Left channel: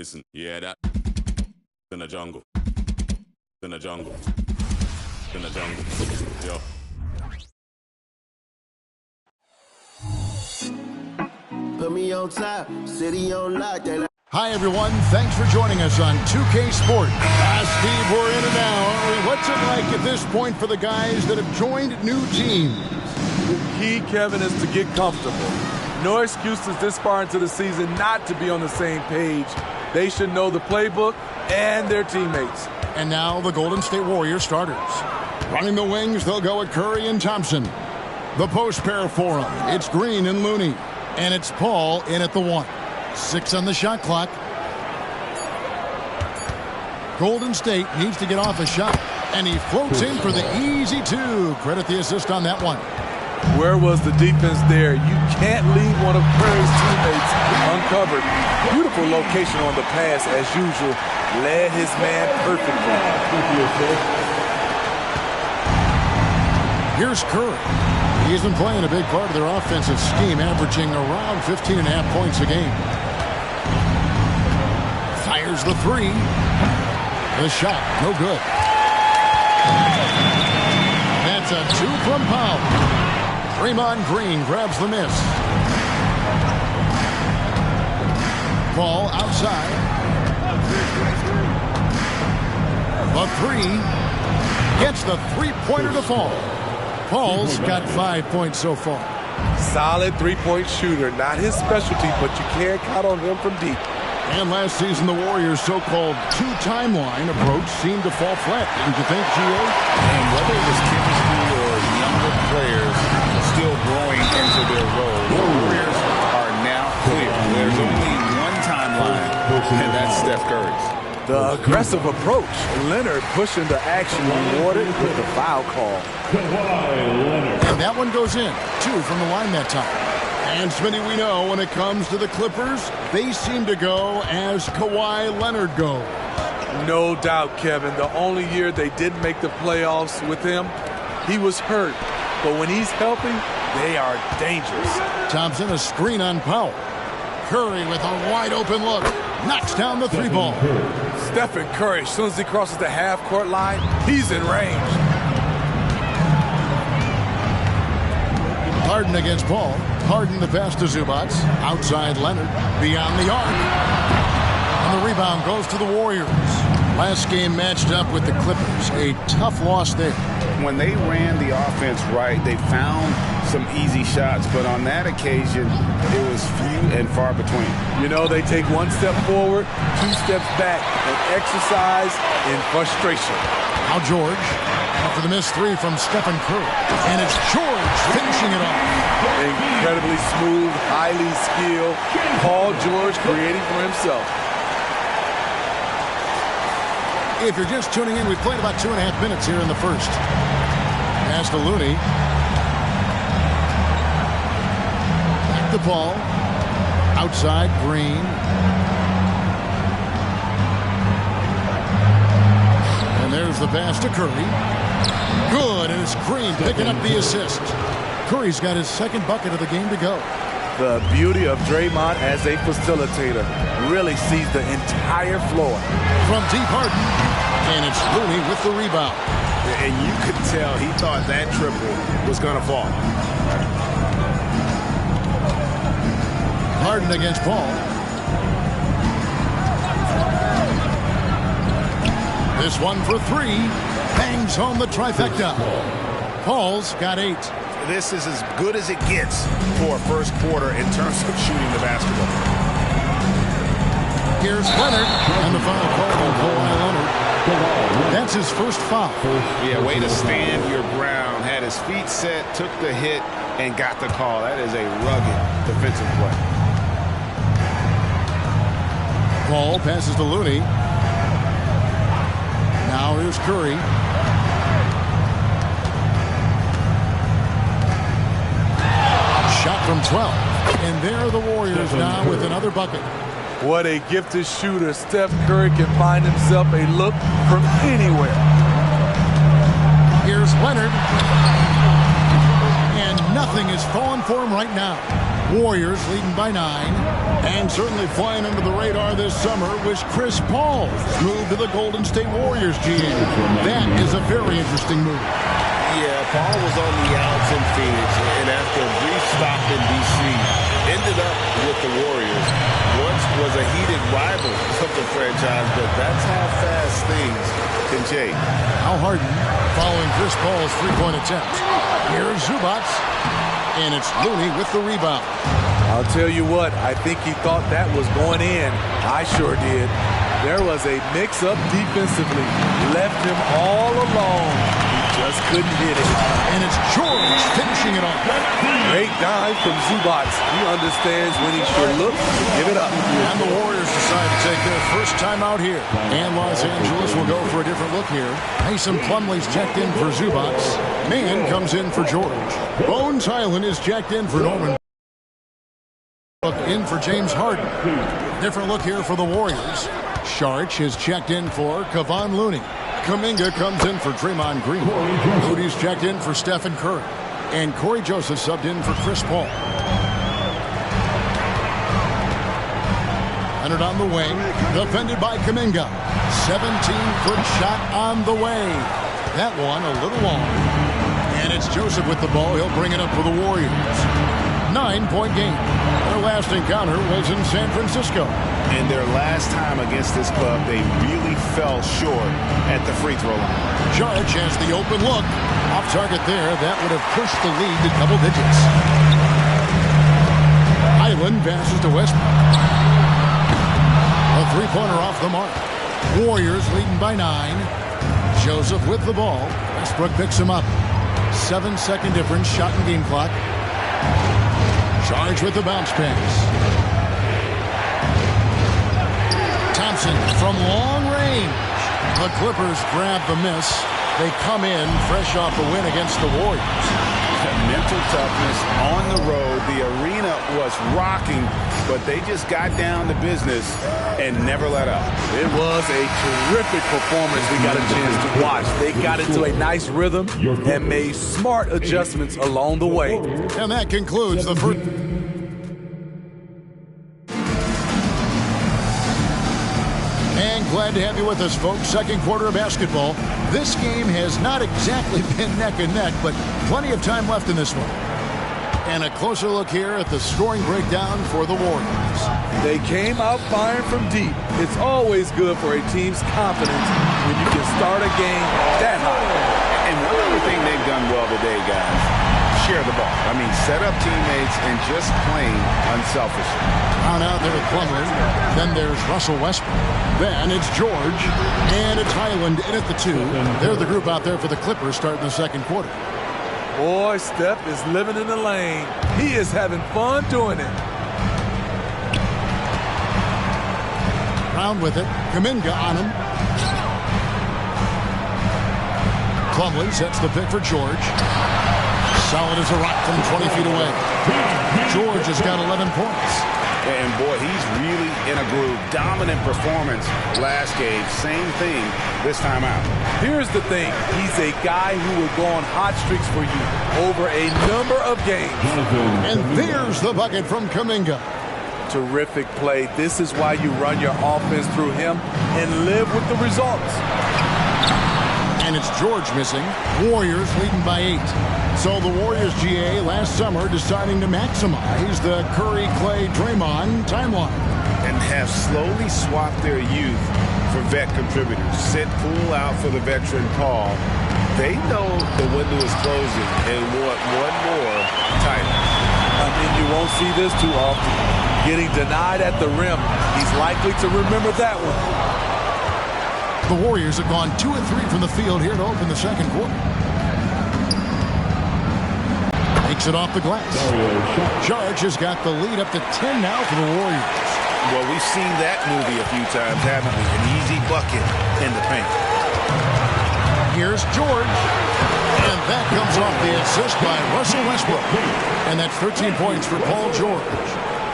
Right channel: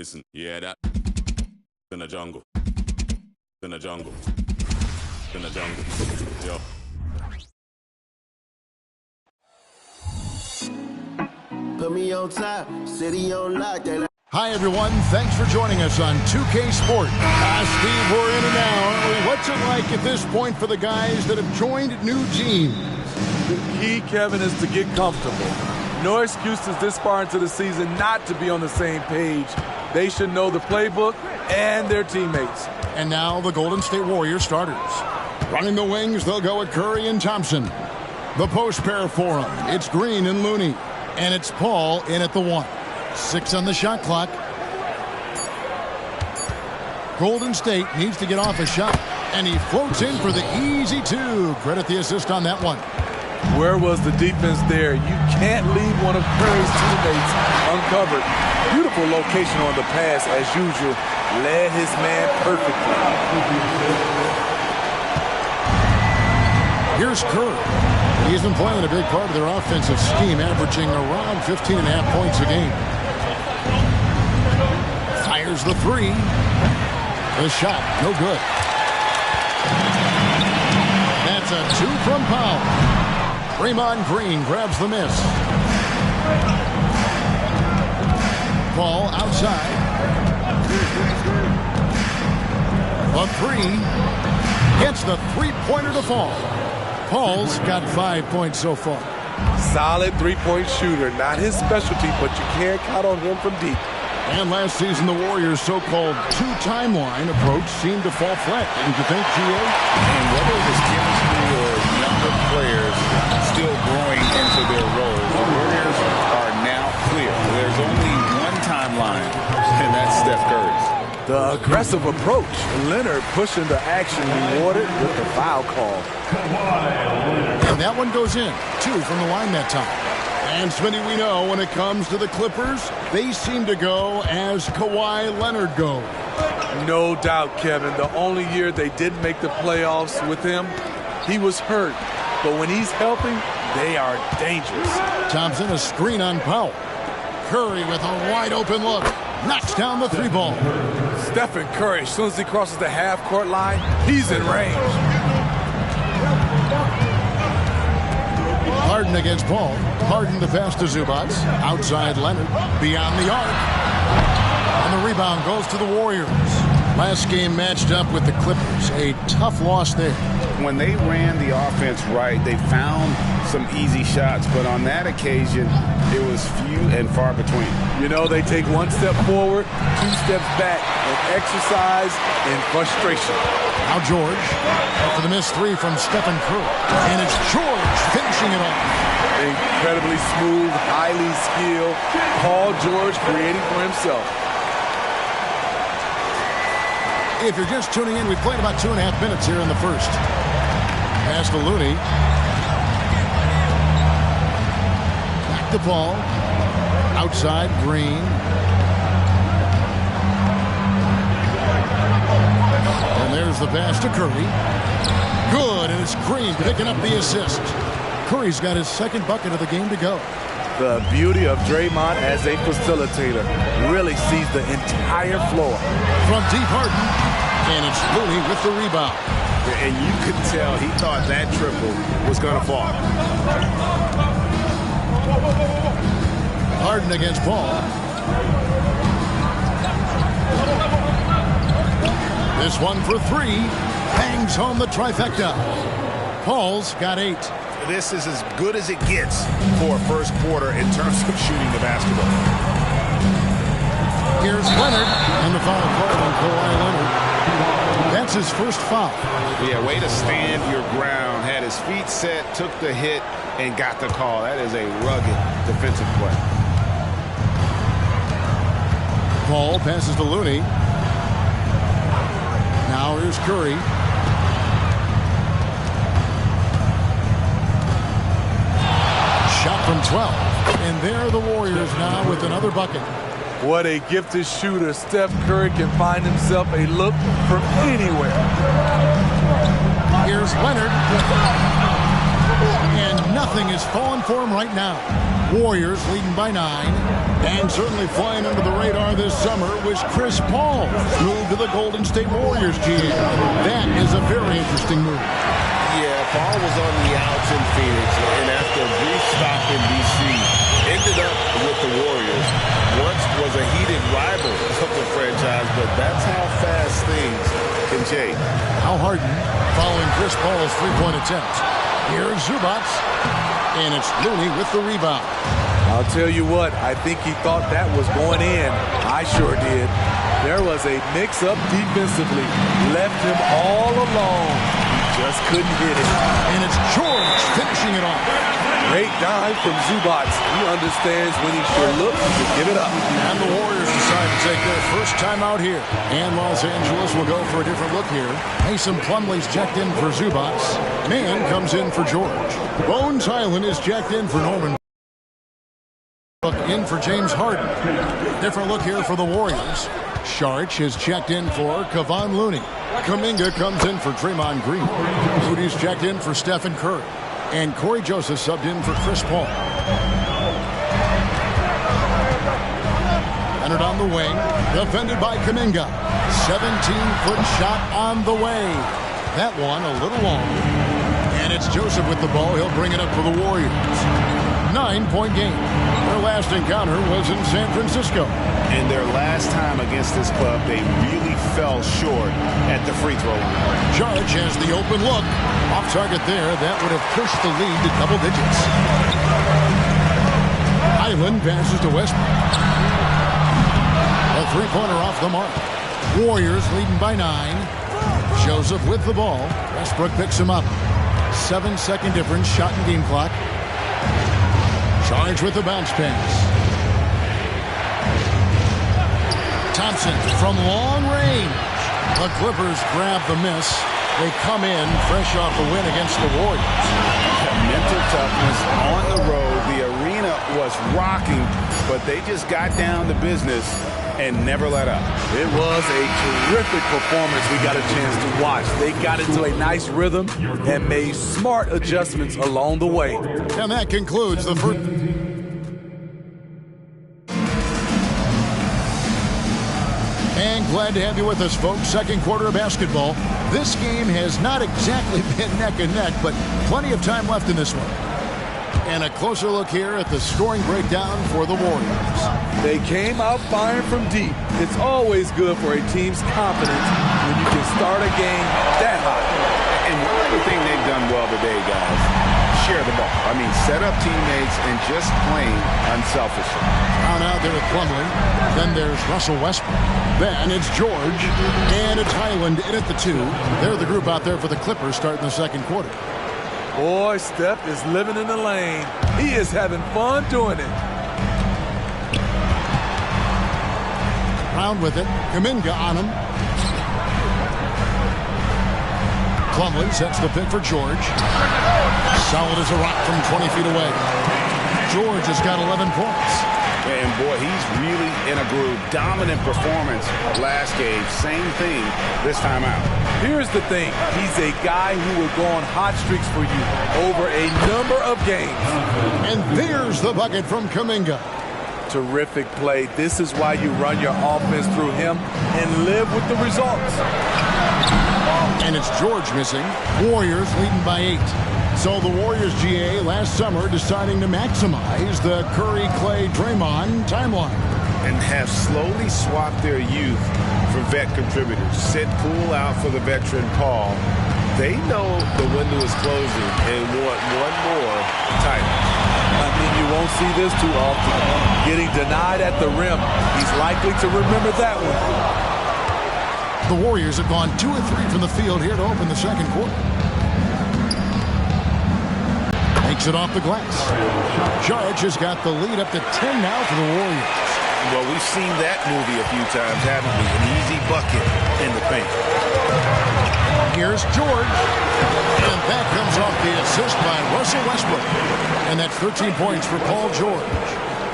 Listen, you hear that? In the jungle. In the jungle. In the jungle. Yo. Put me on top, city on lock. Hi, everyone. Thanks for joining us on 2K Sport. Steve, we're in and now, aren't we? What's it like at this point for the guys that have joined new teams? The key, Kevin, is to get comfortable. No excuses this far into the season not to be on the same page. They should know the playbook and their teammates. And now the Golden State Warriors starters. Running the wings, they'll go at Curry and Thompson. The post pair for them, it's Green and Looney. And it's Paul in at the 1. 6 on the shot clock. Golden State needs to get off a shot. And he floats in for the easy 2. Credit the assist on that one. Where was the defense there? You can't leave one of Curry's teammates uncovered. Beautiful location on the pass, as usual. Led his man perfectly. Here's Curry. He's been playing a big part of their offensive scheme, averaging around 15.5 points a game. Fires the 3. The shot, no good. That's a 2 from Powell. Draymond Green grabs the miss. Ball outside. The 3 gets the three-pointer to fall. Paul's got 5 points so far. Solid three-point shooter. Not his specialty, but you can't count on him from deep. And last season, the Warriors' so-called 2-timeline approach seemed to fall flat, didn't you think, G.A.? And whether it was chemistry or younger players still growing into their roles, the Warriors are now clear. There's only one timeline, and that's Steph Curry's. The aggressive approach. Leonard pushing the action, rewarded with the foul call. And that one goes in. 2 from the line that time. And Smitty, we know when it comes to the Clippers, they seem to go as Kawhi Leonard goes. No doubt, Kevin. The only year they didn't make the playoffs with him, he was hurt. But when he's healthy, they are dangerous. Thompson, a screen on Powell. Curry with a wide-open look. Knocks down the 3 ball. Stephen Curry, as soon as he crosses the half-court line, he's in range. Harden against Paul. Harden the pass to Zubac. Outside Leonard. Beyond the arc. And the rebound goes to the Warriors. Last game matched up with the Clippers. A tough loss there. When they ran the offense right, they found some easy shots, but on that occasion, it was few and far between. You know, they take 1 step forward, 2 steps back, and exercise in frustration. Now George, after the missed 3 from Stephen Curry. And it's George finishing it off. Incredibly smooth, highly skilled. Paul George creating for himself. If you're just tuning in, we've played about 2.5 minutes here in the first. Pass to Looney. Back to Paul. Outside, Green. And there's the pass to Curry. Good, and it's Green picking up the assist. Curry's got his 2nd bucket of the game to go. The beauty of Draymond as a facilitator. Really sees the entire floor. From deep Harden. And it's Looney with the rebound. And you could tell he thought that triple was going to fall. Harden against Paul. This one for 3. Bangs home the trifecta. Paul's got 8. This is as good as it gets for a first quarter in terms of shooting the basketball. Here's Leonard, and the foul called on Kawhi Leonard. That's his first foul. Yeah, way to stand your ground. Had his feet set, took the hit, and got the call. That is a rugged defensive play. Paul passes to Looney. Now here's Curry. Shot from 12. And there are the Warriors now with another bucket. What a gifted shooter. Steph Curry can find himself a look from anywhere. Here's Leonard. And nothing is falling for him right now. Warriors leading by 9. And certainly flying under the radar this summer was Chris Paul's move to the Golden State Warriors, GA. That is a very interesting move. Yeah, Paul was on the outs in Phoenix, and after a brief stop in D.C., ended up with the Warriors. Once was a heated rival of the franchise, but that's how fast things can change. Al Harden following Chris Paul's three-point attempt. Here's Zubac, and it's Looney with the rebound. I'll tell you what, I think he thought that was going in. I sure did. There was a mix-up defensively. Left him all alone. He just couldn't hit it. And it's George finishing it off. Great dime from Zubac. He understands when he should look to give it up. And the Warriors decide to take their first time out here. And Los Angeles will go for a different look here. Mason Plumlee's checked in for Zubac. Mann comes in for George. Bones Highland is checked in for Norman. In for James Harden. Different look here for the Warriors. Saric is checked in for Kevon Looney. Kuminga comes in for Draymond Green. Moody's checked in for Stephen Curry. And Corey Joseph subbed in for Chris Paul. Leonard on the wing, defended by Kuminga. 17-foot shot on the way. That one a little long. And it's Joseph with the ball. He'll bring it up for the Warriors. 9-point game. Their last encounter was in San Francisco. And their last time against this club, they really fell short at the free throw line. Saric has the open look. Off target there. That would have pushed the lead to double digits. Highland passes to Westbrook. A three-pointer off the mark. Warriors leading by 9. Joseph with the ball. Westbrook picks him up. 7-second difference. Shot and game clock. Charge with the bounce pass. Thompson from long range. The Clippers grab the miss. They come in fresh off the win against the Warriors. Mental toughness on the road. The arena was rocking, but they just got down to business and never let up. It was a terrific performance we got a chance to watch. They got into a nice rhythm and made smart adjustments along the way. And that concludes the first. And glad to have you with us, folks. Second quarter of basketball. This game has not exactly been neck and neck, but plenty of time left in this one. And a closer look here at the scoring breakdown for the Warriors. They came out firing from deep. It's always good for a team's confidence when you can start a game that high. And one other thing they've done well today, guys, share the ball. I mean, set up teammates and just playing unselfishly. Down out there with Plumlee. Then there's Russell Westbrook. Then it's George. And it's Highland in at the 2. They're the group out there for the Clippers starting the second quarter. Boy, Steph is living in the lane. He is having fun doing it. Round with it. Kuminga on him. Plumlee sets the pick for George. Solid as a rock from 20 feet away. George has got 11 points. And boy, he's really in a groove. Dominant performance last game. Same thing this time out. Here's the thing. He's a guy who will go on hot streaks for you over a number of games. And there's the bucket from Kuminga. Terrific play. This is why you run your offense through him and live with the results. And it's George missing. Warriors leading by 8. So the Warriors, GA, last summer deciding to maximize the Curry, Clay, Draymond timeline. And have slowly swapped their youth for vet contributors. Sit Poole out for the veteran Paul. They know the window is closing and want one more title. I mean, you won't see this too often. Getting denied at the rim. He's likely to remember that one. The Warriors have gone 2 of 3 from the field here to open the second quarter. Takes it off the glass. Saric has got the lead up to 10 now for the Warriors. Well, we've seen that movie a few times, haven't we? An easy bucket in the paint. Here's George. And that comes off the assist by Russell Westbrook. And that's 13 points for Paul George.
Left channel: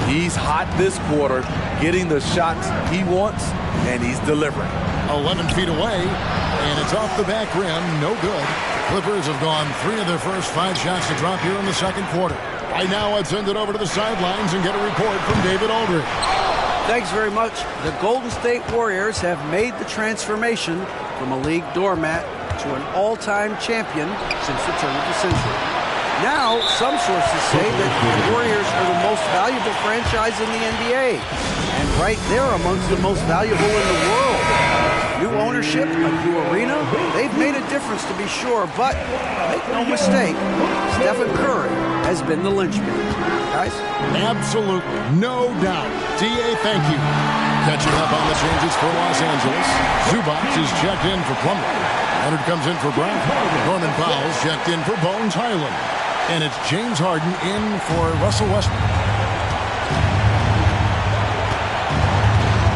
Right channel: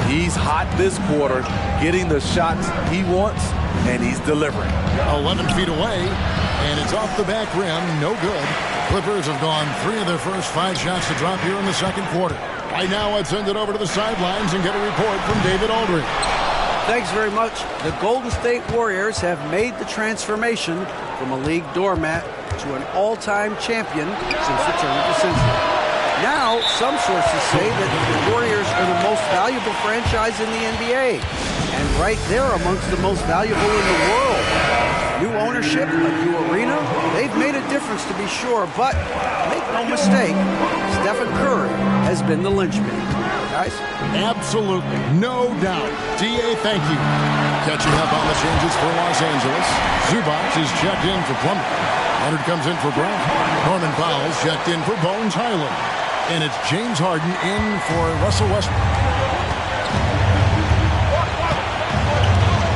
He's hot this quarter, getting the shots he wants, and he's delivering. 11 feet away, and it's off the back rim. No good. Clippers have gone 3 of their first 5 shots to drop here in the second quarter. Right now, let's send it over to the sidelines and get a report from David Aldridge. Thanks very much. The Golden State Warriors have made the transformation from a league doormat to an all-time champion since the turn of the century. Now, some sources say that the Warriors are the most valuable franchise in the NBA, and right there amongst the most valuable in the world. New ownership, a new arena, they've made a difference to be sure, but make no mistake, Stephen Curry has been the linchpin. Guys? Absolutely, no doubt. D.A., thank you. Catching up on the changes for Los Angeles, Zubac is checked in for Plumlee. Leonard comes in for Brown. Norman Powell's checked in for Bones Highland. And it's James Harden in for Russell Westbrook.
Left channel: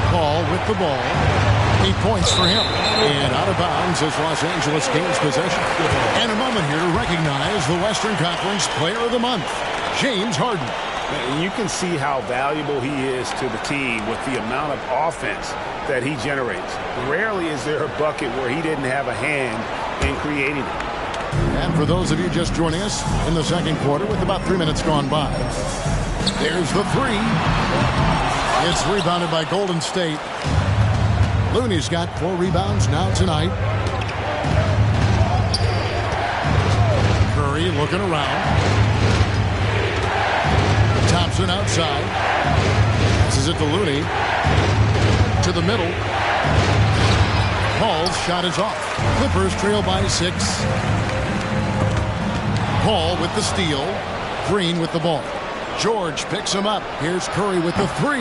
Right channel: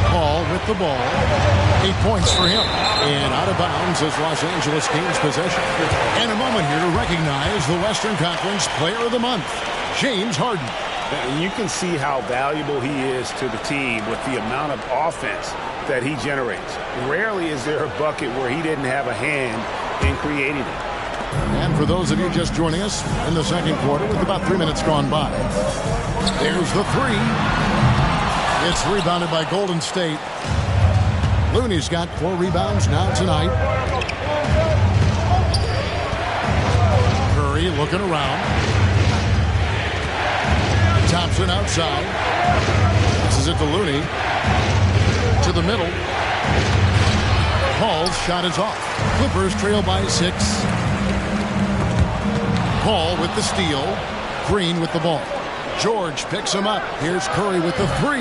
Paul with the ball. 8 points for him. And out of bounds as Los Angeles gains possession. And a moment here to recognize the Western Conference Player of the Month, James Harden. And you can see how valuable he is to the team with the amount of offense that he generates. Rarely is there a bucket where he didn't have a hand in creating it. And for those of you just joining us in the second quarter with about 3 minutes gone by, there's the three. It's rebounded by Golden State. Looney's got 4 rebounds now tonight. Curry looking around. Thompson outside. Passes it to Looney. To the middle. Paul's shot is off. Clippers trail by 6. Paul with the steal. Green with the ball. George picks him up. Here's Curry with the 3.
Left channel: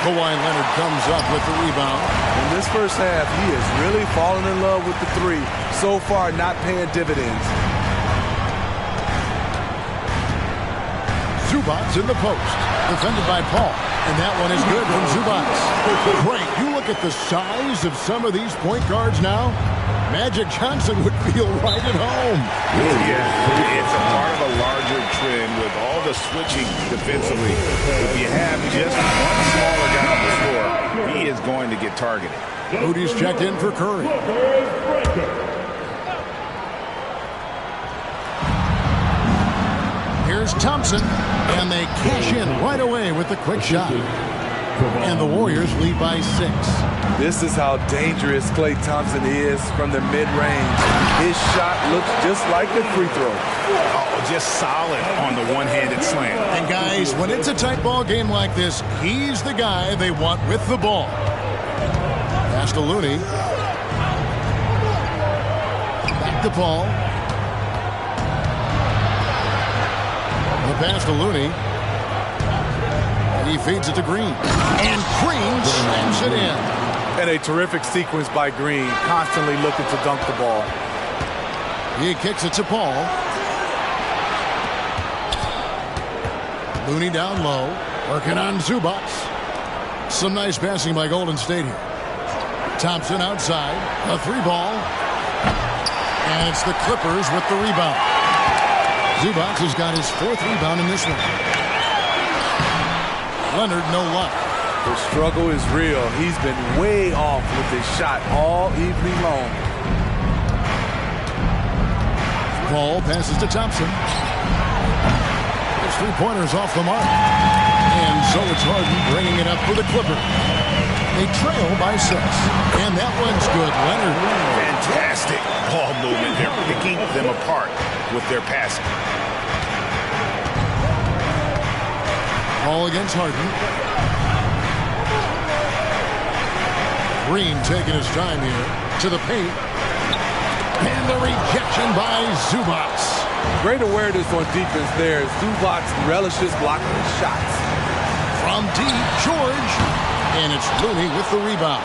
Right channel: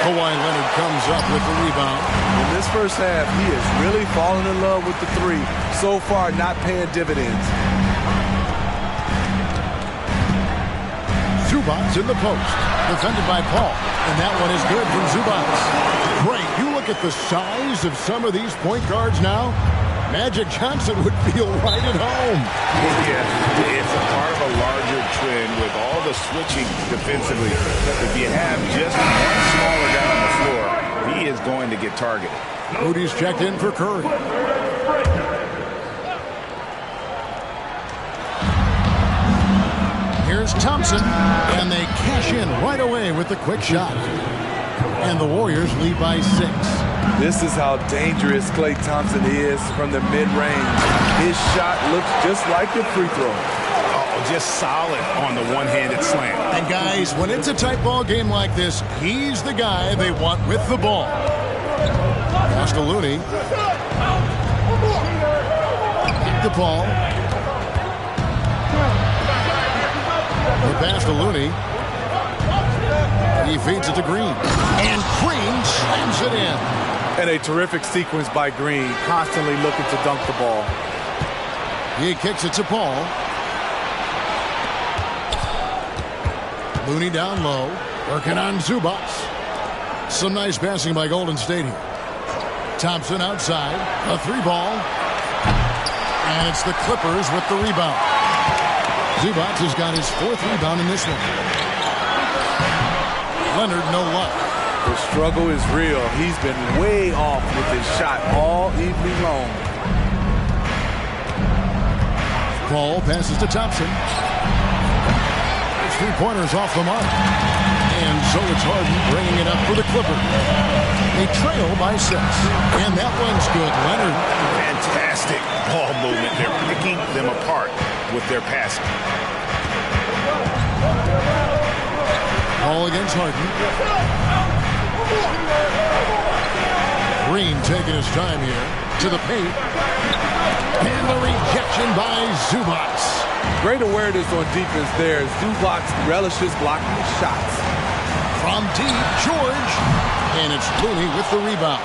Kawhi Leonard comes up with the rebound. In this first half, he is really falling in love with the 3. So far, not paying dividends. Zubac in the post. Defended by Paul. And that one is good from Zubac. Great. You look at the size of some of these point guards now. Magic Johnson would feel right at home. Yeah, it's a part of a larger trend with all the switching defensively. If you have just one smaller guy on the floor, he is going to get targeted. Moody's checked in for Curry. Here's Thompson, and they cash in right away with the quick shot. And the Warriors lead by 6. This is how dangerous Klay Thompson is from the mid-range. His shot looks just like a free throw. Oh, just solid on the one-handed slam. And guys, when it's a tight ball game like this, he's the guy they want with the ball. Pass to Looney. Back to Paul. The pass to Looney. He feeds it to Green. And Green slams it in. And a terrific sequence by Green, constantly looking to dunk the ball. He kicks it to Paul. Looney down low, working on Zubac. Some nice passing by Golden State here. Thompson outside, a 3-ball. And it's the Clippers with the rebound. Zubac has got his 4th rebound in this one. Leonard, no luck. The struggle is real. He's been way off with his shot all evening long. Paul passes to Thompson. His 3-pointers off the mark. And so it's Harden bringing it up for the Clippers. They trail by 6. And that one's good. Leonard. Fantastic ball movement. They're picking them apart with their passing. Ball against Harden. Green taking his time here to the paint. And the rejection by Zubac. Great awareness on defense there. Zubac relishes blocking his shots. From deep, George. And it's Looney with the rebound.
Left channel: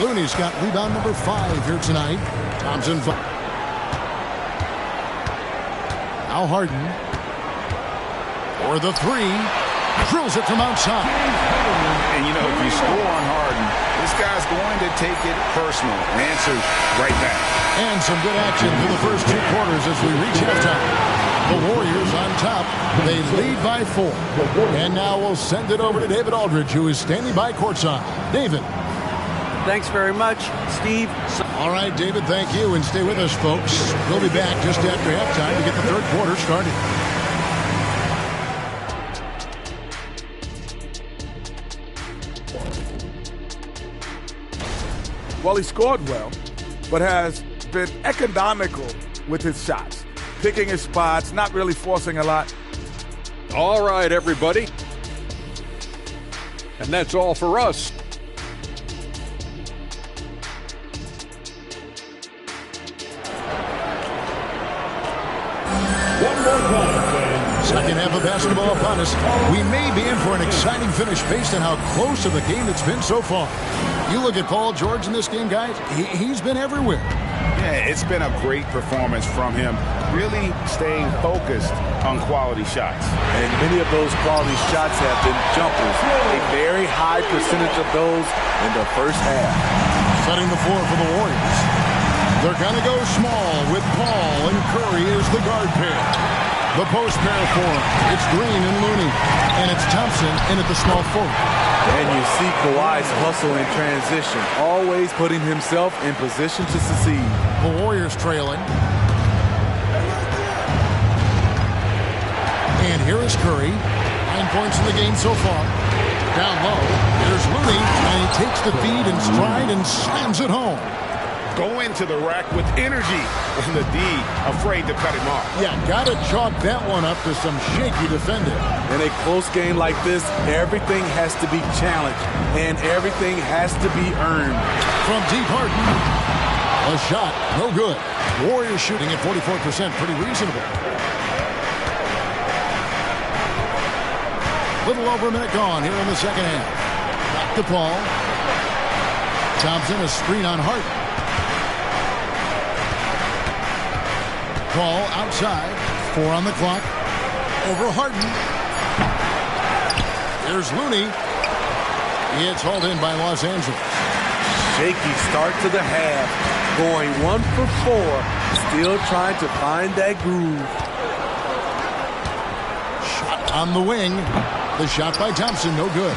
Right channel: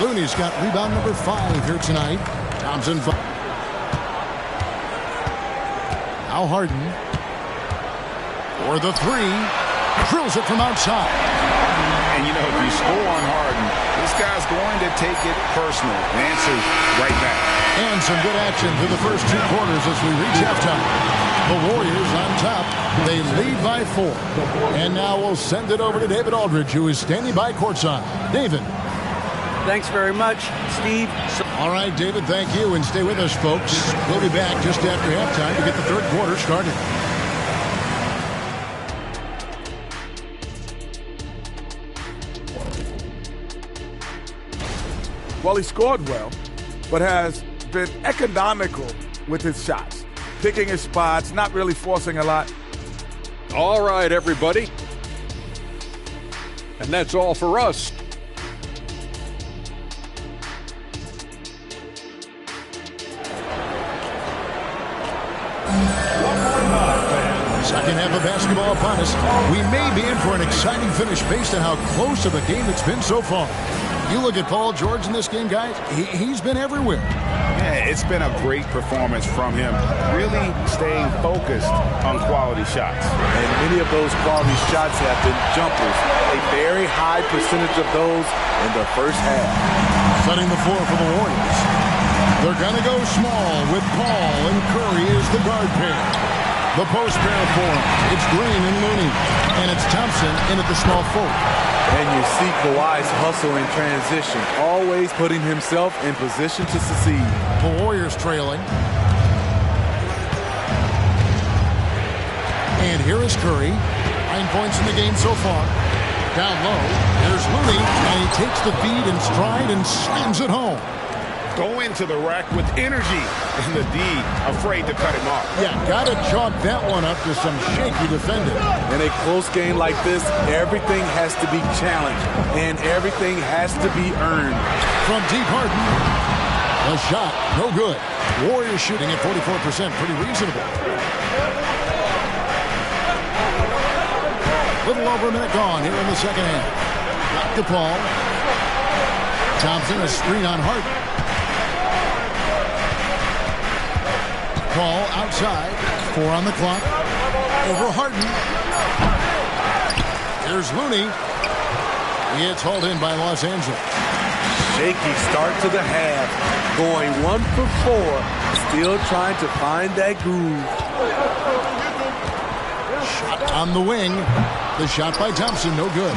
Looney's got rebound number 5 here tonight. Thompson. Now Harden. For the 3. Drills it from outside. And, you know, if you score on Harden, this guy's going to take it personal. Answers right back. And some good action through the first 2 quarters as we reach halftime. The Warriors on top. They lead by 4. And now we'll send it over to David Aldridge, who is standing by courtside. David. Thanks very much, Steve. All right, David, thank you. And stay with us, folks. We'll be back just after halftime to get the third quarter started. Well, he scored well, but has been economical with his shots. Picking his spots, not really forcing a lot. All right, everybody. And that's all for us. Second half of basketball upon us. We may be in for an exciting finish based on how close to the game it's been so far. You look at Paul George in this game, guys, he's been everywhere. Yeah, it's been a great performance from him, really staying focused on quality shots. And many of those quality shots have been jumpers. A very high percentage of those in the first half. Setting the floor for the Warriors. They're going to go small with Paul and Curry as the guard pair. The post pair for him. It's Green and Looney. And it's Thompson in at the small forward. And you see Kawhi's hustle in transition, always putting himself in position to succeed. The Warriors trailing. And here is Curry. 9 points in the game so far. Down low, here's Looney, and he takes the feed in stride and slams it home. Go into the rack with energy, and the D afraid to cut him off. Yeah, gotta chalk that one up to some shaky defending. In a close game like this, everything has to be challenged, and everything has to be earned. From deep Harden, the shot, no good. Warriors shooting at 44%, pretty reasonable. Little over a minute gone here in the second half. Back to Paul. Thompson, a screen on Harden. Paul outside. 4 on the clock. Over Harden. Here's Looney. It's hauled in by Los Angeles. Shaky start to the half. Going 1 for 4. Still trying to find that groove. Shot on the wing. The shot by Thompson, no good.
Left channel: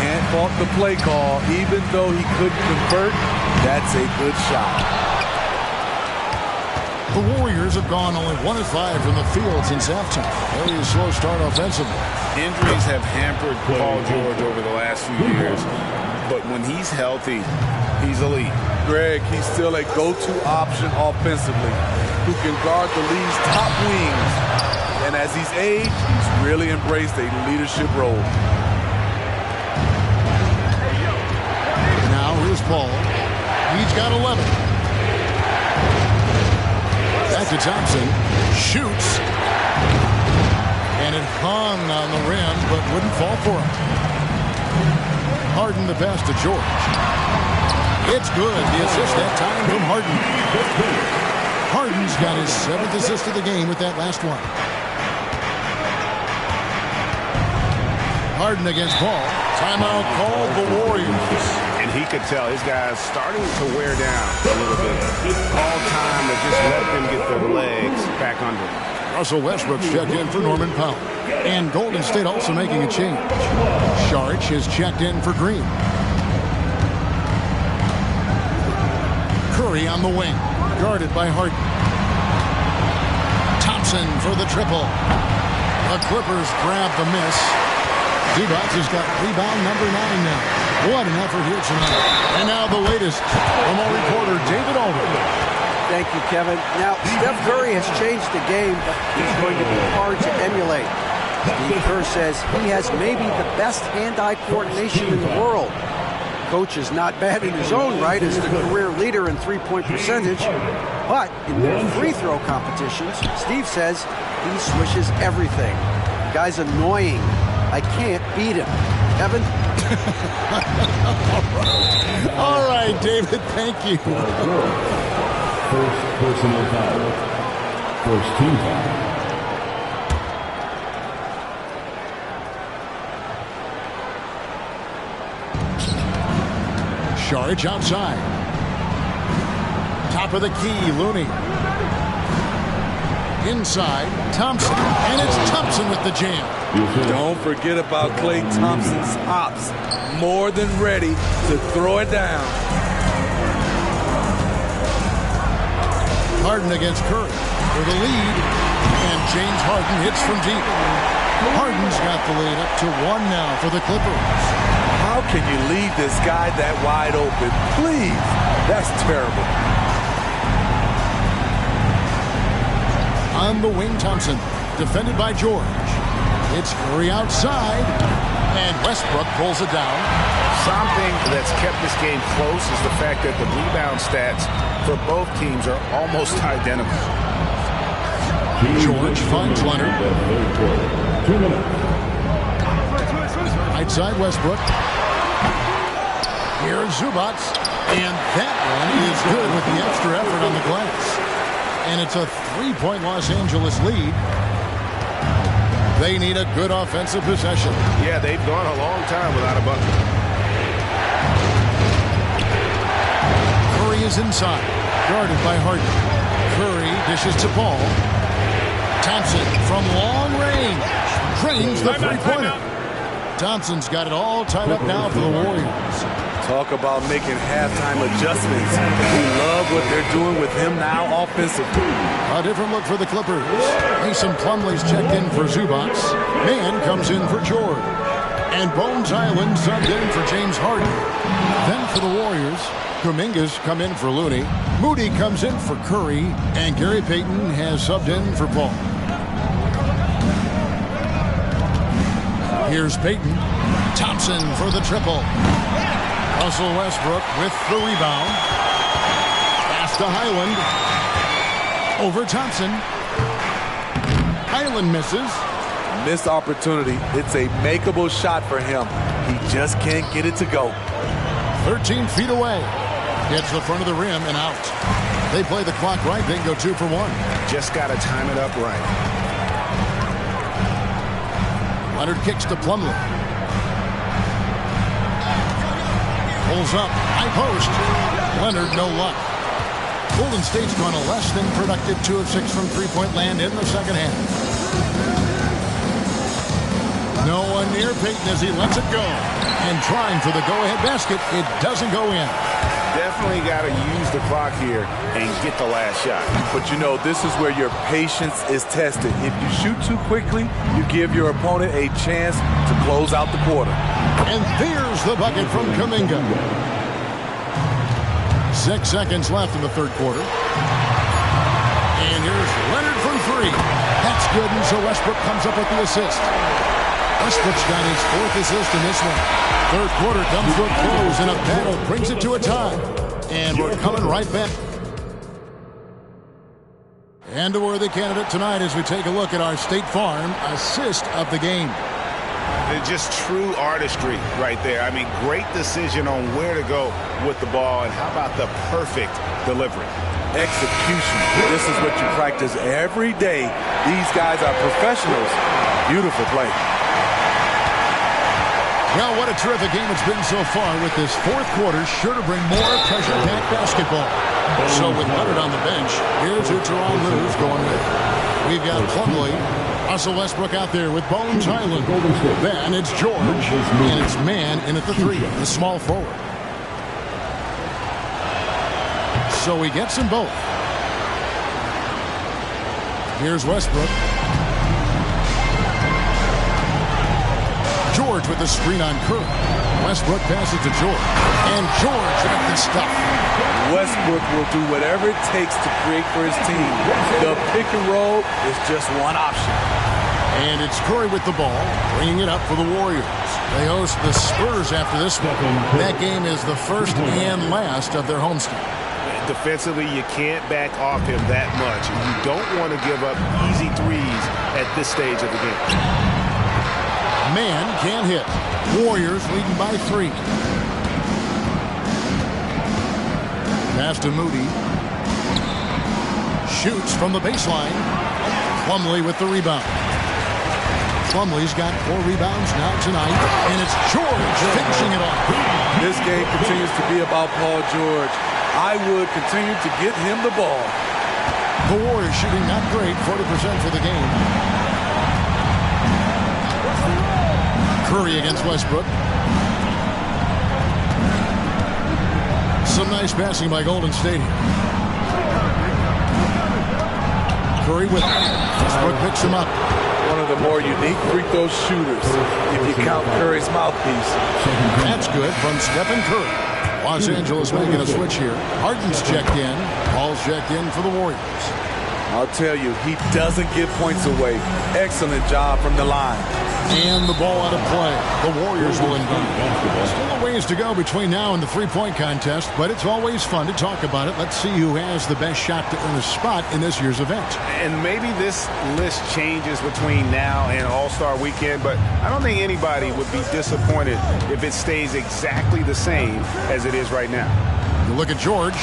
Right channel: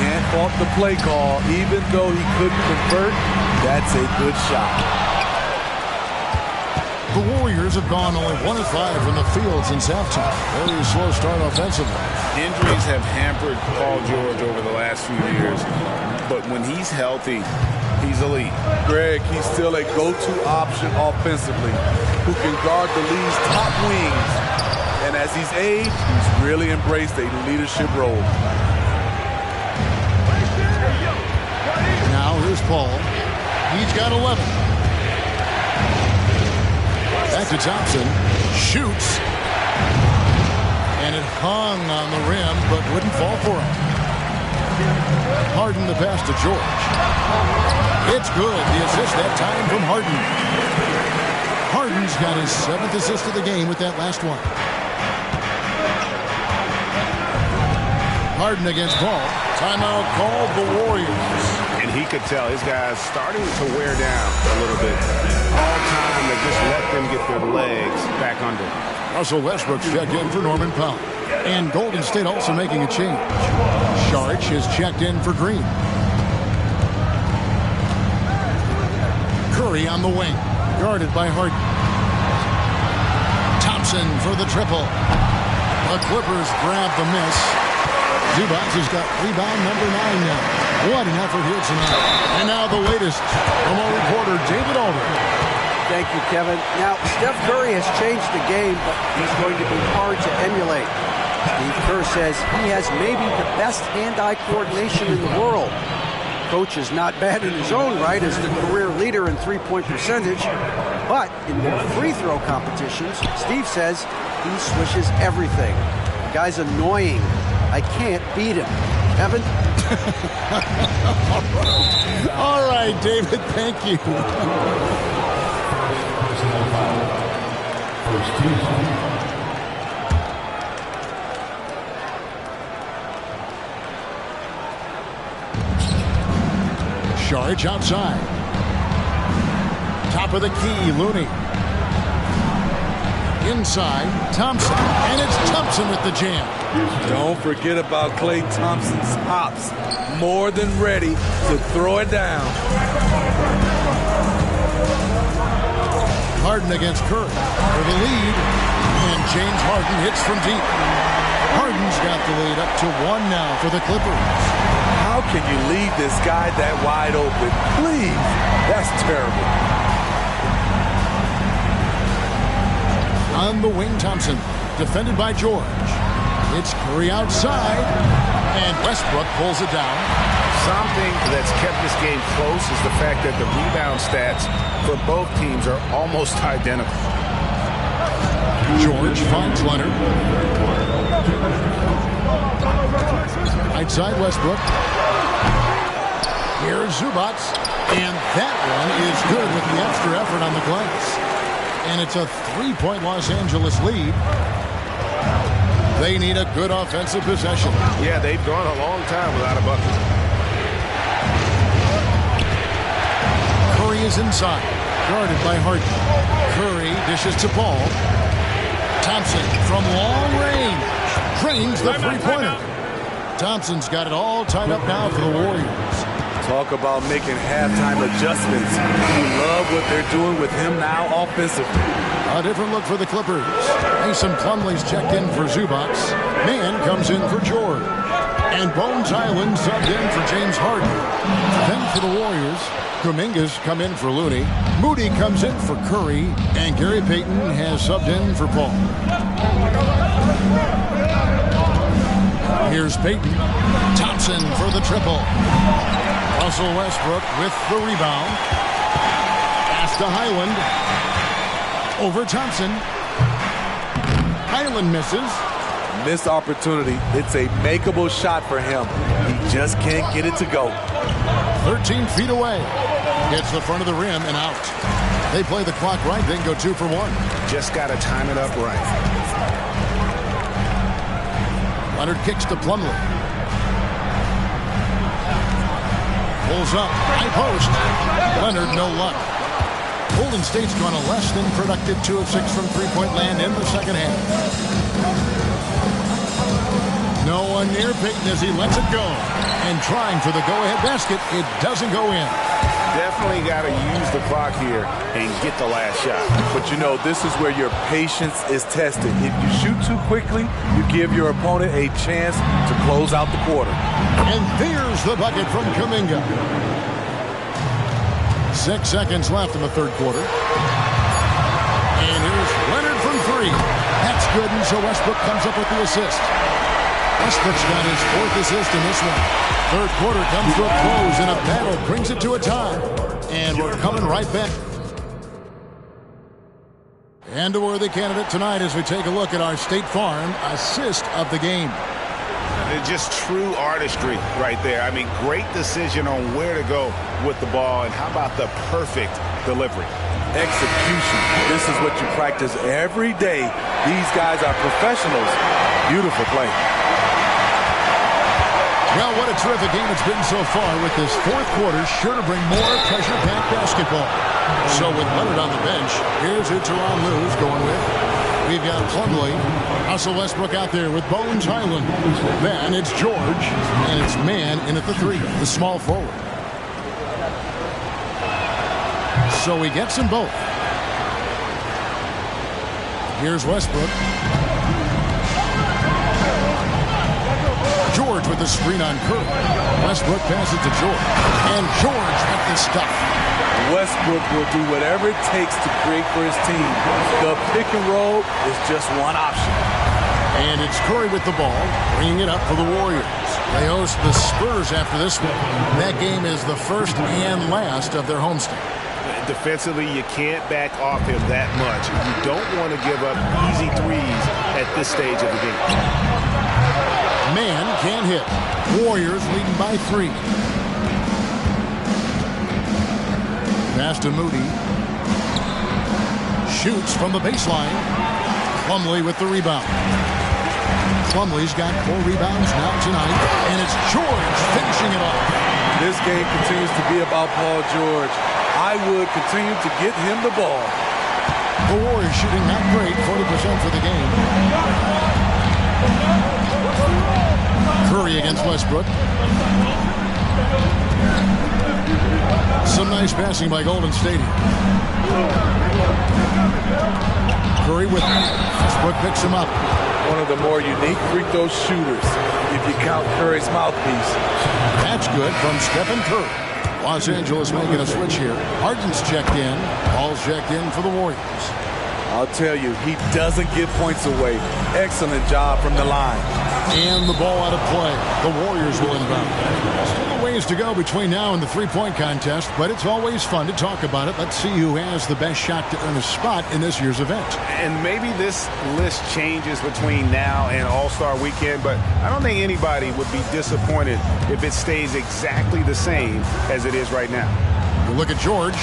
Can't fault the play call. Even though he couldn't convert, that's a good shot. The Warriors have gone only 1 of 5 from the field since halftime. Very slow start offensively. Injuries have hampered Paul George over the last few years, but when he's healthy, he's elite. Greg, he's still a go-to option offensively, who can guard the league's top wings. And as he's aged, he's really embraced a leadership role. Now here's Paul. He's got 11. Back to Thompson. Shoots. And it hung on the rim, but wouldn't fall for him. Harden the pass to George. It's good. The assist that time from Harden. Harden's got his 7th assist of the game with that last one. Harden against Paul. Timeout called the Warriors. And he could tell his guys starting to wear down a little bit. All time to just let them get their legs back under. Russell Westbrook's checked in for Norman Powell. And Golden State also making a change. Saric has checked in for Green. Curry on the wing. Guarded by Harden. Thompson for the triple. The Clippers grab the miss. Zubac has got rebound number 9 now. What an effort here tonight. And now the latest from our reporter, David Aldridge. Thank you, Kevin. Now, Steph Curry has changed the game, but he's going to be hard to emulate. Steve Kerr says he has maybe the best hand-eye coordination in the world. Coach is not bad in his own right as the career leader in three-point percentage, but in their free throw competitions, Steve says he swishes everything. The guy's annoying. I can't beat him. Kevin? All right, David, thank you. First personal foul. First team foul. Saric outside. Top of the key, Looney. Inside, Thompson. And it's Thompson with the jam. Don't forget about Klay Thompson's hops. More than ready to throw it down. Harden against Curry for the lead. And James Harden hits from deep. Harden's got the lead up to 1 now for the Clippers. How can you leave this guy that wide open? Please. That's terrible. On the wing, Thompson, defended by George. It's Curry outside, and Westbrook pulls it down. Something that's kept this game close is the fact that the rebound stats for both teams are almost identical. George finds Leonard. 2 minutes. Right side, Westbrook. Here's Zubats, and that one is good with the extra effort on the glass. And it's a 3-point Los Angeles lead. They need a good offensive possession. Yeah, they've gone a long time without a bucket. Curry is inside, guarded by Harden. Curry dishes to Paul. Thompson from long range drains the three-pointer. Thompson's got it all tied up now for the Warriors. Talk about making halftime adjustments. We love what they're doing with him now offensively. A different look for the Clippers. Mason Plumlee's checked in for Zubats. Mann comes in for George. And Bones Island subbed in for James Harden. Then for the Warriors, Kuminga's come in for Looney. Moody comes in for Curry. And Gary Payton has subbed in for Paul. Here's Payton. Thompson for the triple. Russell Westbrook with the rebound. Pass to Highland. Over Thompson. Highland misses. Missed opportunity. It's a makeable shot for him. He just can't get it to go. 13 feet away. Gets the front of the rim and out. They play the clock right, then go 2 for 1. Just got to time it up right. Leonard kicks to Plumlee. Pulls up. High post. Leonard, no luck. Golden State's gone a less than productive 2 of 6 from three-point land in the second half. No one near Payton as he lets it go. And trying for the go-ahead basket, it doesn't go in. Definitely got to use the clock here and get the last shot. But you know, this is where your patience is tested. If you shoot too quickly, you give your opponent a chance to close out the quarter. And there's the bucket from Kuminga. 6 seconds left in the third quarter. And here's Leonard from 3. That's good, and so Westbrook comes up with the assist. Westbrook's got his 4th assist in this one. Third quarter comes to a close, and a battle brings it to a tie. And we're coming right back. And a worthy candidate tonight as we take a look at our State Farm assist of the game. They're just true artistry right there. I mean, great decision on where to go with the ball, and how about the perfect delivery? Execution. This is what you practice every day. These guys are professionals. Beautiful play. Well, what a terrific game it's been so far, with this fourth quarter sure to bring more pressure-packed basketball. So with Leonard on the bench, here's who Tyronn Lue's going with. We've got Plumlee, Russell Westbrook out there with Bones Highland. Then it's George, and it's Mann in at the 3, the small forward. So he gets them both. Here's Westbrook. George with the screen on Curry. Westbrook passes to George. And George with the stuff. Westbrook will do whatever it takes to create for his team. The pick and roll is just one option. And it's Curry with the ball, bringing it up for the Warriors. They host the Spurs after this one. That game is the first and last of their homestand. Defensively, you can't back off him that much. You don't want to give up easy threes at this stage of the game. Mann can't hit. Warriors leading by 3. Pass to Moody. Shoots from the baseline. Plumlee with the rebound. Plumlee's got 4 rebounds now tonight. And it's George finishing it off. This game continues to be about Paul George. I would continue to get him the ball. The Warriors shooting not great, 40% for the game. Curry against Westbrook. Some nice passing by Golden State here. Curry with it. Westbrook picks him up. One of the more unique free throw shooters, if you count Curry's mouthpiece. That's good from Stephen Curry. Los Angeles making a switch here. Harden's checked in. Paul's checked in for the Warriors. I'll tell you, he doesn't give points away. Excellent job from the line. And the ball out of play. The Warriors will inbound. Still a ways to go between now and the three-point contest, but it's always fun to talk about it. Let's see who has the best shot to earn a spot in this year's event. And maybe this list changes between now and All-Star Weekend, but I don't think anybody would be disappointed if it stays exactly the same as it is right now. You look at George,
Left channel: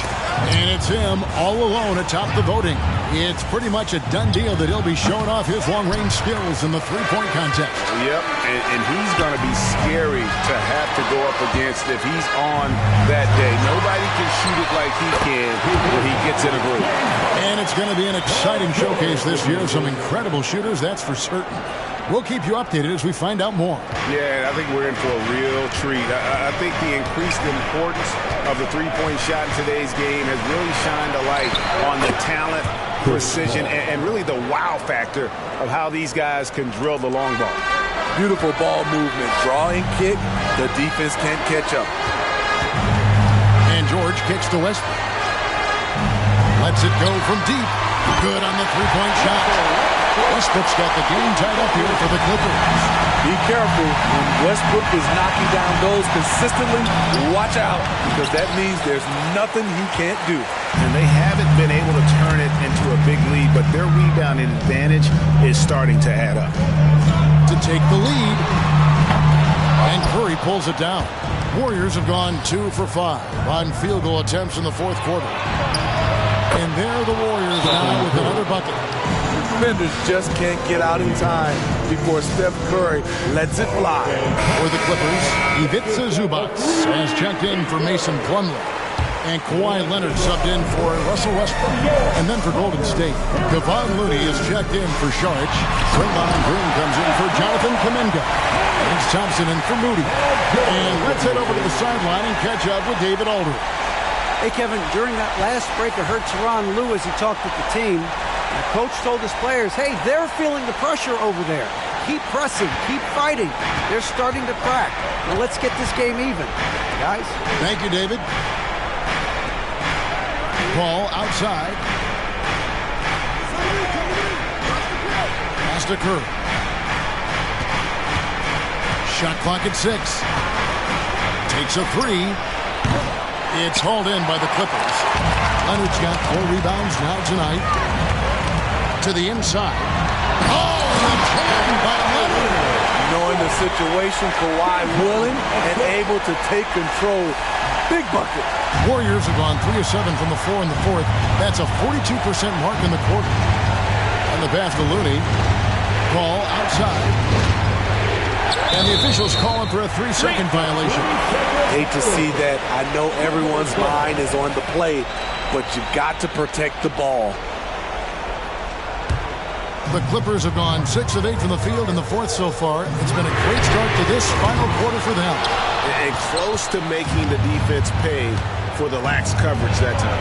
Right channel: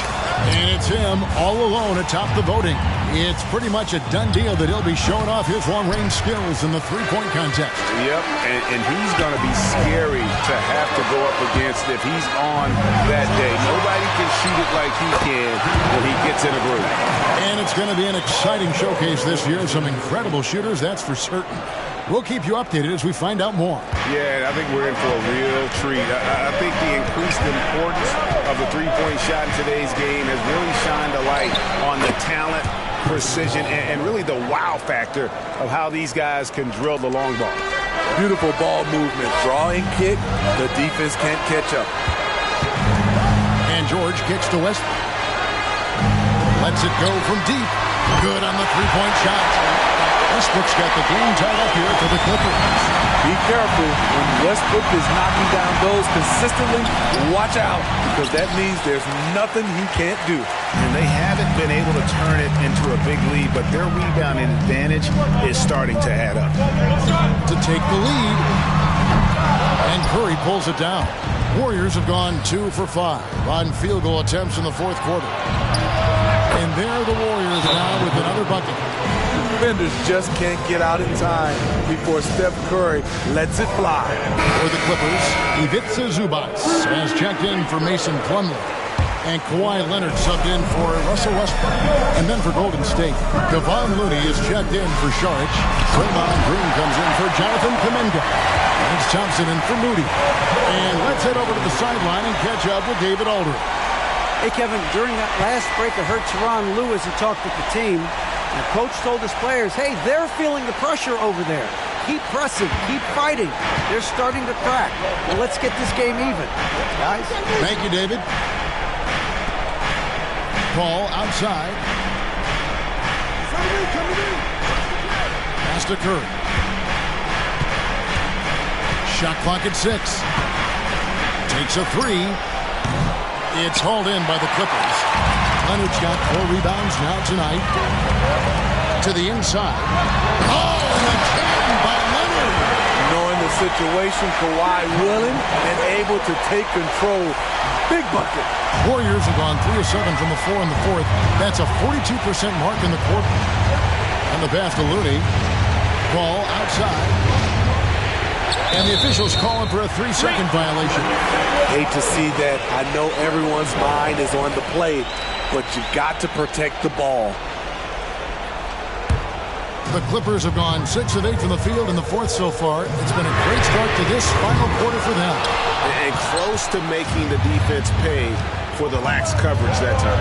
and it's him all alone atop the voting. It's pretty much a done deal that he'll be showing off his long-range skills in the three-point contest. Yep, and he's going to be scary to have to go up against if he's on that day. Nobody can shoot it like he can when he gets in a group. And it's going to be an exciting showcase this year. Some incredible shooters, that's for certain. We'll keep you updated as we find out more. Yeah, I think we're in for a real treat. I think the increased importance of the three-point shot in today's game has really shined a light on the talent, precision, and really the wow factor of how these guys can drill the long ball. Beautiful ball movement. Draw and kick. The defense can't catch up. And George kicks to Westbrook. Lets it go from deep. Good on the three-point shot. Westbrook's got the game tied up here for the Clippers. Be careful when Westbrook is knocking down those consistently. Watch out, because that means there's nothing he can't do. And they haven't been able to turn it into a big lead, but their rebounding advantage is starting to add up. To take the lead. And Curry pulls it down. Warriors have gone 2 for 5 on field goal attempts in the fourth quarter. And there the Warriors now with another bucket. Defenders just can't get out in time before Steph Curry lets it fly. For the Clippers, Ivica Zubac has checked in for Mason Plumlee. And Kawhi Leonard subbed in for Russell Westbrook. And then for Golden State, Kevon Looney is checked in for Saric. Draymond Green comes in for Jonathan Kuminga. Lance Thompson in for Moody. And let's head over to the sideline and catch up with David Aldridge. Hey, Kevin, during that last break, I heard Tyronn Lue as he talked with the team. And the coach told his players, hey, they're feeling the pressure over there. Keep pressing, keep fighting. They're starting to crack. Now let's get this game even, guys. Thank you, David. Ball outside. Pass to Curry. Shot clock at 6. Takes a 3. It's hauled in by the Clippers. Leonard's got 4 rebounds now tonight. To the inside. Oh, and the jam by Leonard. Knowing the situation, Kawhi willing and able to take control. Big bucket. Warriors have gone 3 of 7 from the floor in the fourth. That's a 42% mark in the quarter. And the pass to Looney. Ball outside. And the officials calling for a 3-second violation. Hate to see that. I know everyone's mind is on the play, but you got to protect the ball. The Clippers have gone 6 of 8 from the field in the fourth so far. It's been a great start to this final quarter for them. And close to making the defense pay for the lax coverage that time.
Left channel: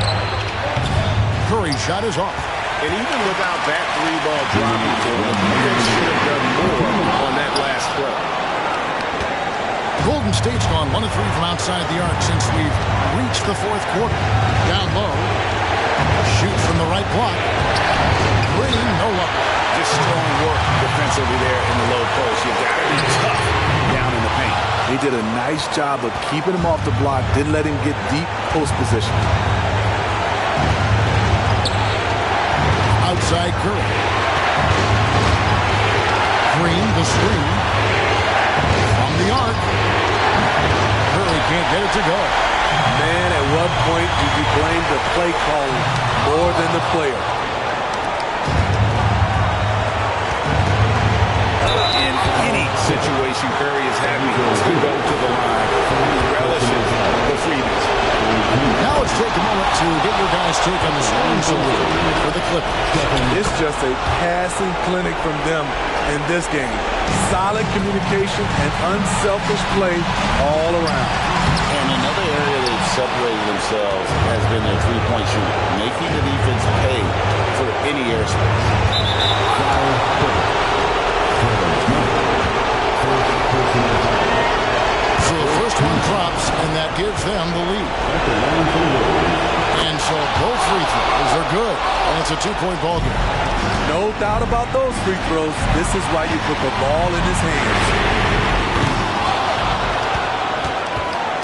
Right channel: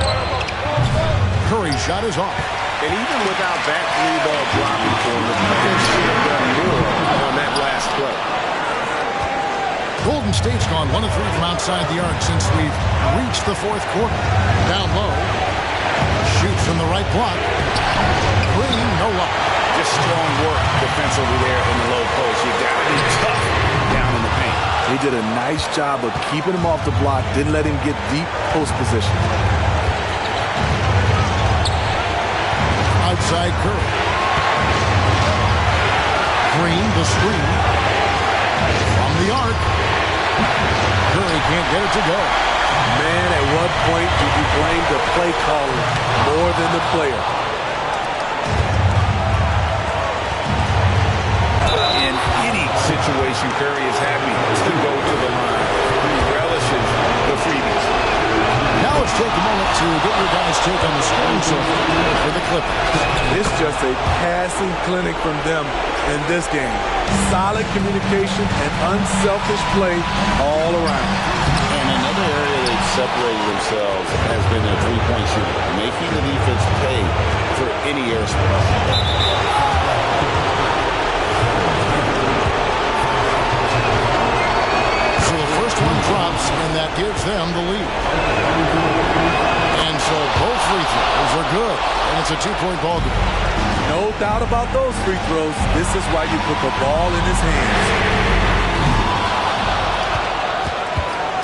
Curry's shot is off. And even without that 3-ball dropping for them, the defense should have done more on that last play. Golden State's gone 1 of 3 from outside the arc since we've reached the fourth quarter. Down low. Shoot from the right block. Green, no luck. Just strong work defensively there in the low post. You got to be tough down in the paint. He did a nice job of keeping him off the block, didn't let him get deep post position. Outside Curry. Green, the screen. From the arc. Curry can't get it to go. Man, at what point do you blame the play calling more than the player? In any situation, Curry is happy to go to the line. He relishes the freebies. Now let's take a moment to get your guys' take on the scoring so far for the Clippers. It's just a passing clinic from them in this game. Solid communication and unselfish play all around. And another area they've separated themselves has been their three-point shooting, making the defense pay for any airspace. first one drops, and that gives them the lead. And so both free throws are good, and it's a two-point ball game. No doubt about those free throws. This is why you put the ball in his hands.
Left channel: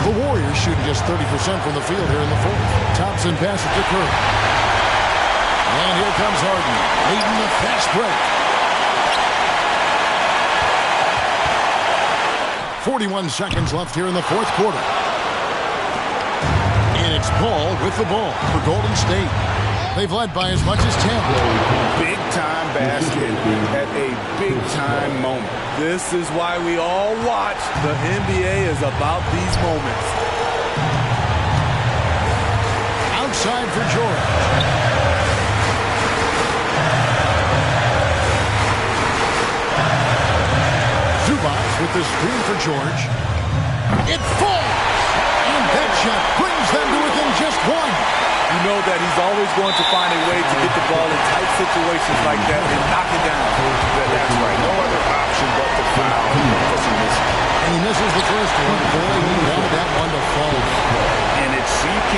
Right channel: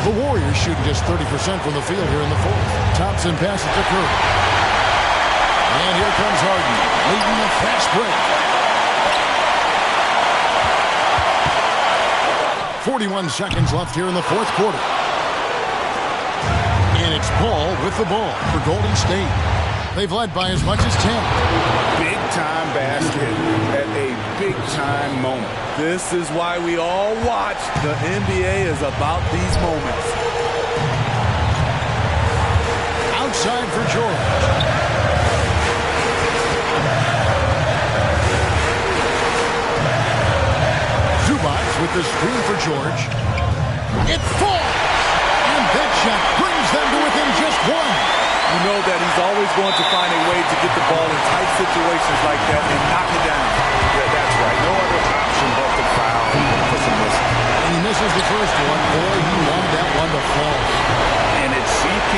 The Warriors shooting just 30% from the field here in the fourth. Thompson passes to Curry. And here comes Harden, leading the fast break. 41 seconds left here in the fourth quarter. And it's Paul with the ball for Golden State. They've led by as much as 10. Big-time basket at a big-time moment. This is why we all watch. The NBA is about these moments. Outside for George. Zubac with the screen for George. It falls! And that shot brings them to within just one. You know that he's always going to find a way to get the ball in tight situations like that and knock it down. Yeah, that's right. No other option but to foul for some misses. And he misses the first one. Boy, he wanted that one to fall. And it's CP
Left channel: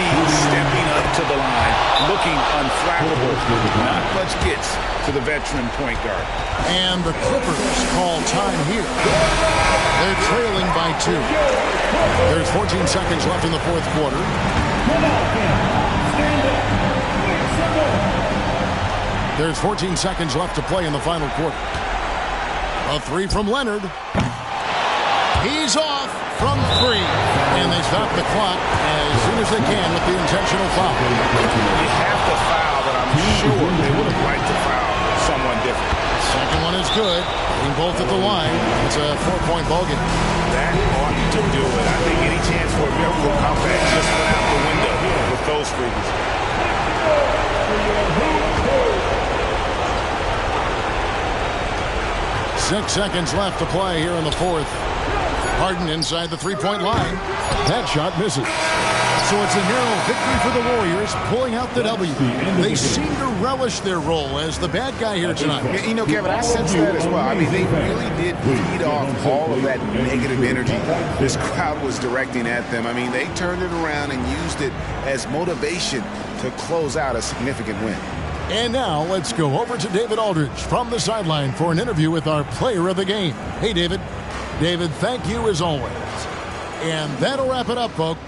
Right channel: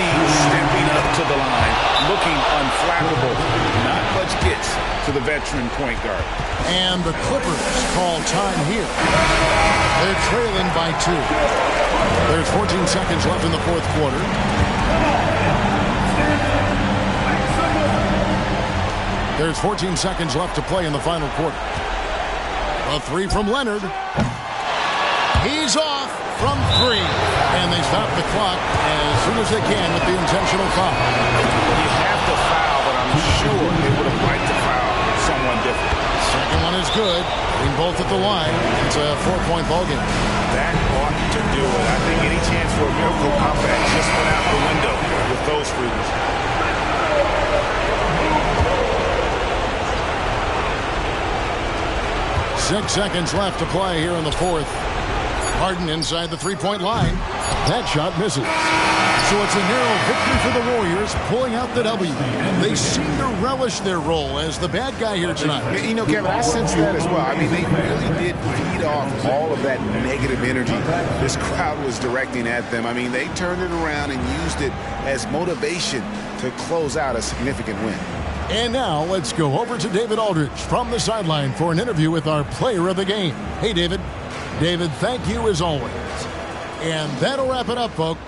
stepping up to the line, looking unflappable. Not much gets to the veteran point guard. And the Clippers call time here. They're trailing by 2. There's 14 seconds left in the fourth quarter. There's 14 seconds left to play in the final quarter. A three from Leonard. He's off from 3. And they stop the clock as soon as they can with the intentional foul. You have to foul, but I'm sure they would have liked to foul someone different. Second one is good. Putting both at the line. It's a 4-point ball game. That ought to do it. I think any chance for a miracle comeback just went out the window with those freebies. Six seconds left to play here in the fourth. Harden inside the three-point line. That shot misses. So it's a narrow victory for the Warriors, pulling out the W. They seem to relish their role as the bad guy here tonight. You know, Kevin, I sense that as well. I mean, they really did feed off all of that negative energy this crowd was directing at them. I mean, they turned it around and used it as motivation to close out a significant win. And now let's go over to David Aldridge from the sideline for an interview with our player of the game. Hey, David. David, thank you as always. And that'll wrap it up, folks.